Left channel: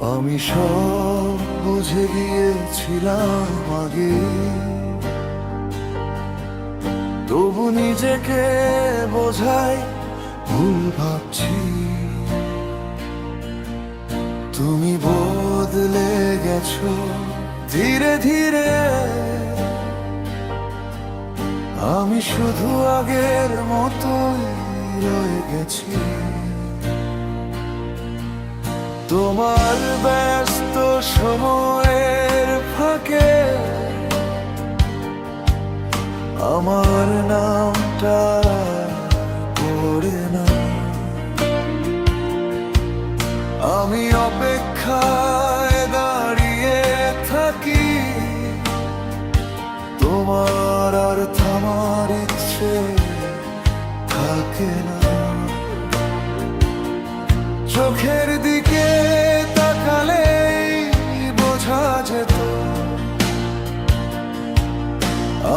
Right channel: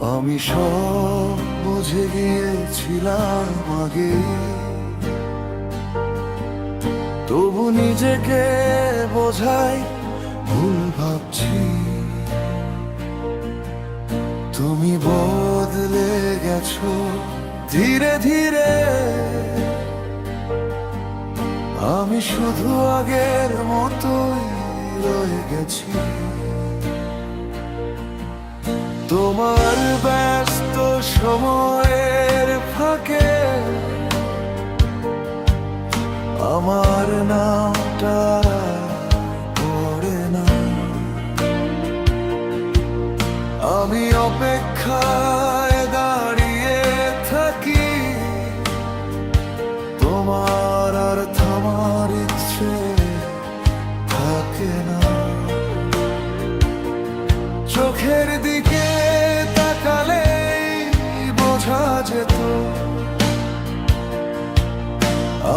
আমি সব বুঝে গিয়েছিলাম আগেই, তবু নিজেকে বোঝাই ভুল ভাবছি। তুমি বদলে গেছো ধীরে ধীরে, আমি শুধু আগের মতোই রয়ে গেছি। তোমার ব্যস্ত সময়ের ফাঁকে আমার নামটা পড়ে না। আমি অপেক্ষায় দাঁড়িয়ে থাকি, তোমার আর থামার ইচ্ছে থাকে না। চোখের দিকে তাকালেই বোঝা যেত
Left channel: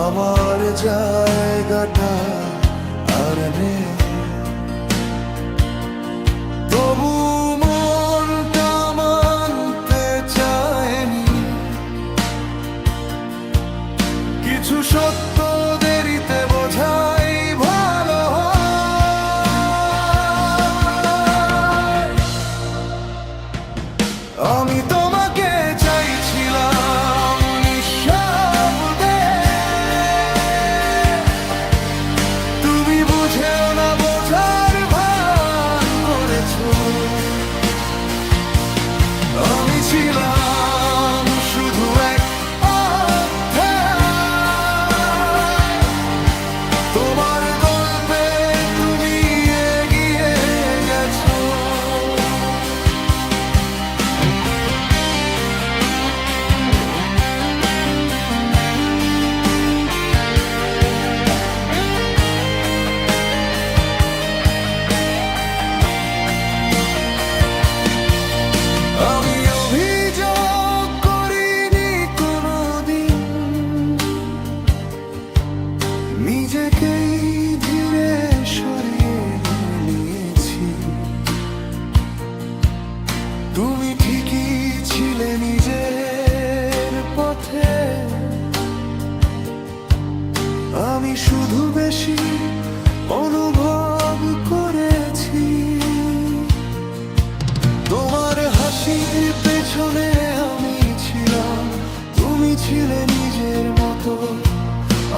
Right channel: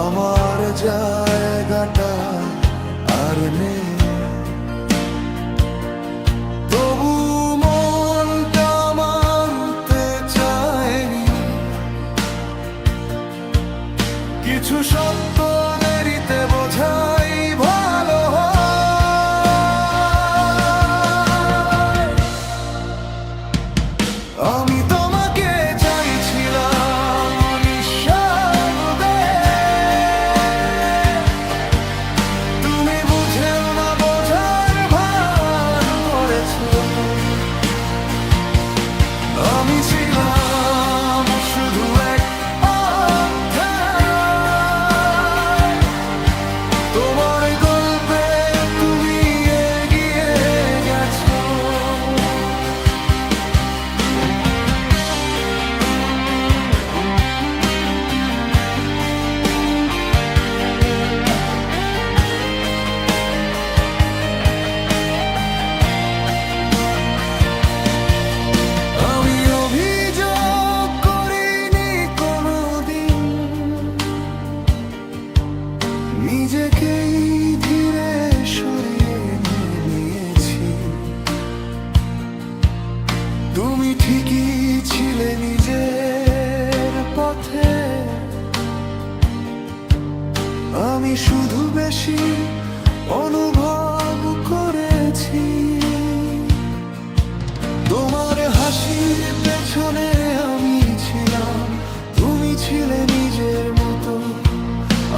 আমার জায়গাটা আর নেই। তবু মনটা মানতে চায়নি, কিছু সত্য দেরিতে বোঝাই ভালো হয়। আমি তোমাকে চাইছিলাম নিঃশব্দে, তুমি বুঝেও না বোঝার ভান করেছো। আমি ছিলাম শুধু এক অধ্যায়, তোমার গল্পে তুমি এগিয়ে গেছো। আমি অভিযোগ করিনি কোনোদিন, নিজেকেই ধীরে সরিয়ে নিয়েছি। তুমি ঠিকই ছিলে নিজের পথে, আমি শুধু বেশি অনুভব করেছি। তোমার হাসির পেছনে আমি ছিলাম, তুমি ছিলে নিজের মতো।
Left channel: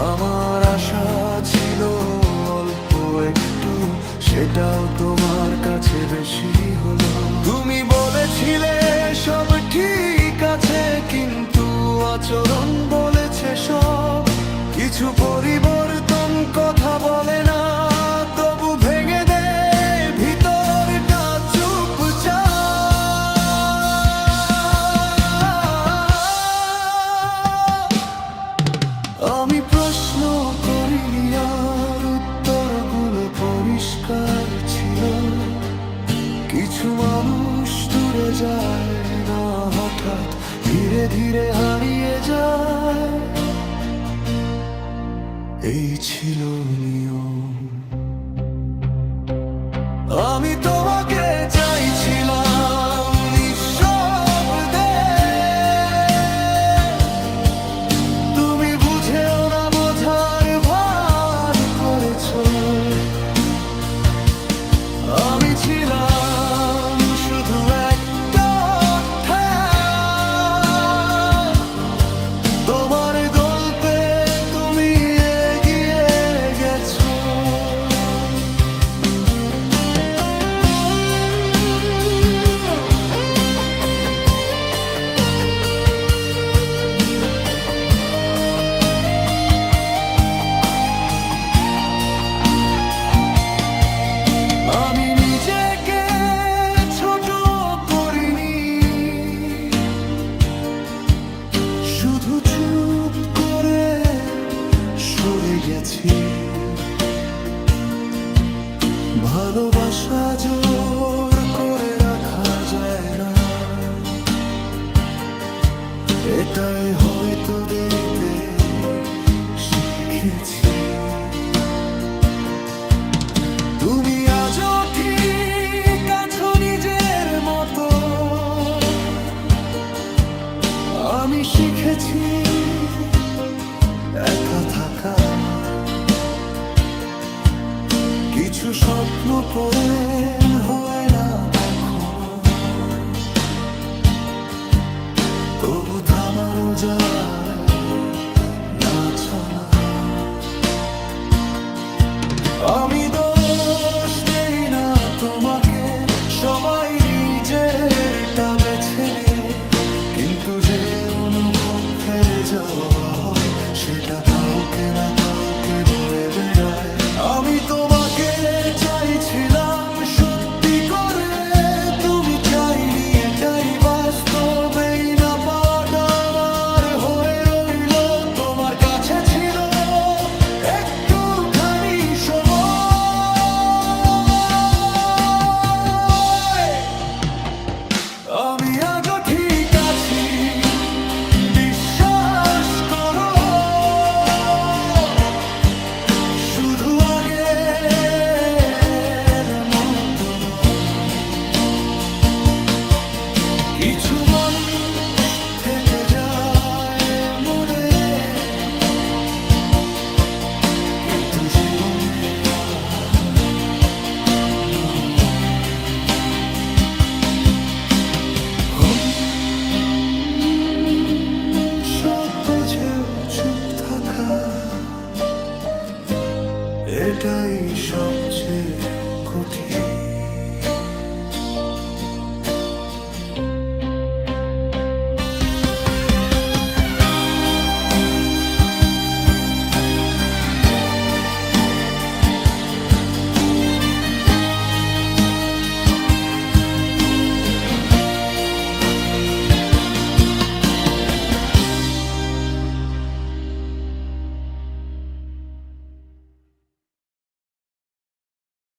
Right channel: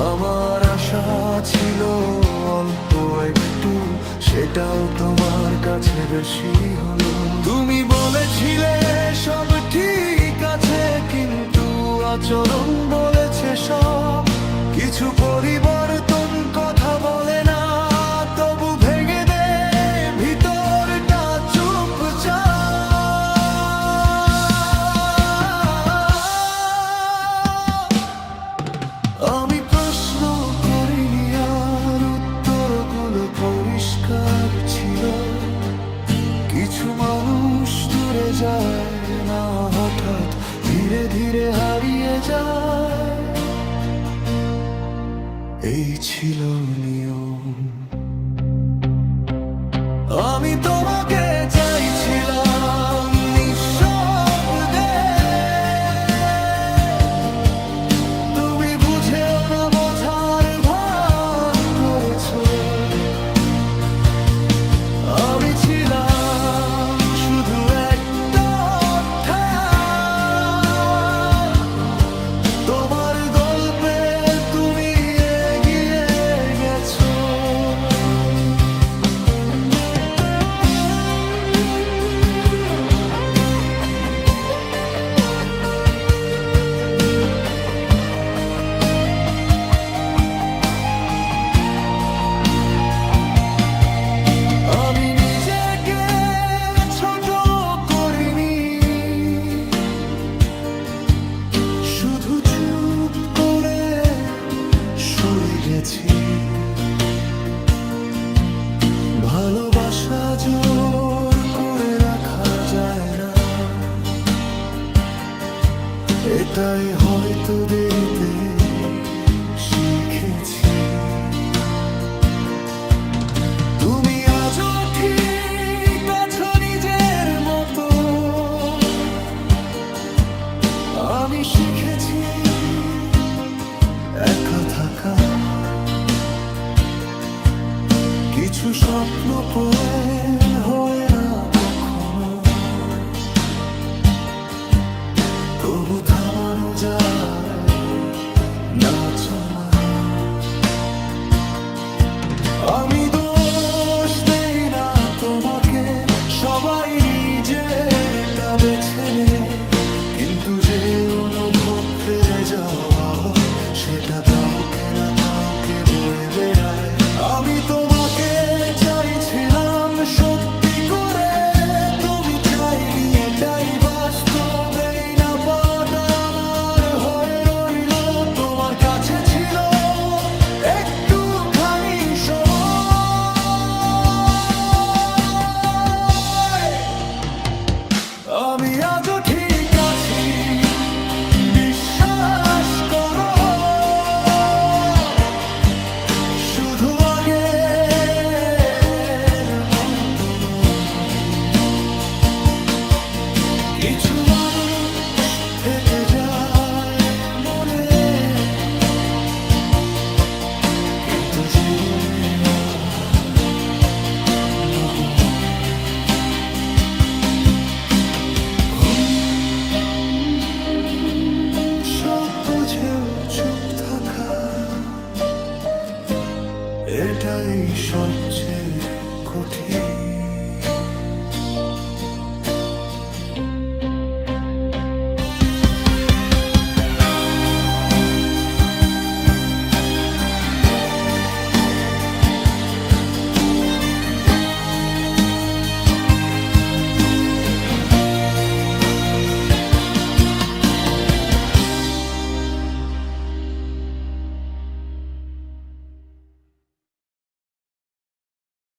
আমার আশা ছিল অল্প একটু, সেটাও তোমার কাছে বেশি হলো। তুমি বলেছিলে সব ঠিক আছে, কিন্তু আচরণ বলেছে সব কিছু পরিবর্তন। কথা বলে না, তবু ভেঙে দে ভিতরটা চুপচাপ। আমি প্রশ্ন করিনি আর উত্তরগুলো পরিষ্কার ছিল। কিছু মানুষ দূরে যায় না, হঠাৎ ধীরে ধীরে হারিয়ে যায়। এই ছিল নিয়ম। আমি তোমাকে চাইছিলাম নিঃশব্দে, তুমি বুঝেও না বোঝার ভান করেছো। আমি ছিলাম শুধু একটা অধ্যায়, তোমার গল্পে তুমি এগিয়ে গেছো। আমি নিজেকে ছোট করিনি, শুধু চুপ করে সরে গেছি। ভালোবাসা জোর করে রাখা যায় না, এটাই হয়তো দেরিতে শিখেছি। তুমি আজও ঠিক আছো নিজের মতো, শিখেছি একা থাকা, কিছু স্বপ্ন পূরণ হয় না কখনো, তবু থামানো যায় না চলা। আমি দোষ দেই না তোমাকে, সবাই নিজেরটা বেছে নেয়, কিন্তু যে অনুভব ফেলে যাওয়া হয় সেটা কাউকে না কাউকে বয়ে বেড়ায়। আমি তোমাকে চাইছিলাম সত্যি করে, তুমি চাইনি, এটাই বাস্তবেই না পাওয়াটা আমার হয়ে রইল। তোমার কাছে ছিল একটুখানি সময়, আমি আজও ঠিক আছি, বিশ্বাস করো, শুধু আগের মতো নয়। কিছু মানুষ থেকে যায় মনে, কিন্তু জীবনে আর নয়। সব বুঝেও চুপ থাকা, এটাই সবচেয়ে কঠিন।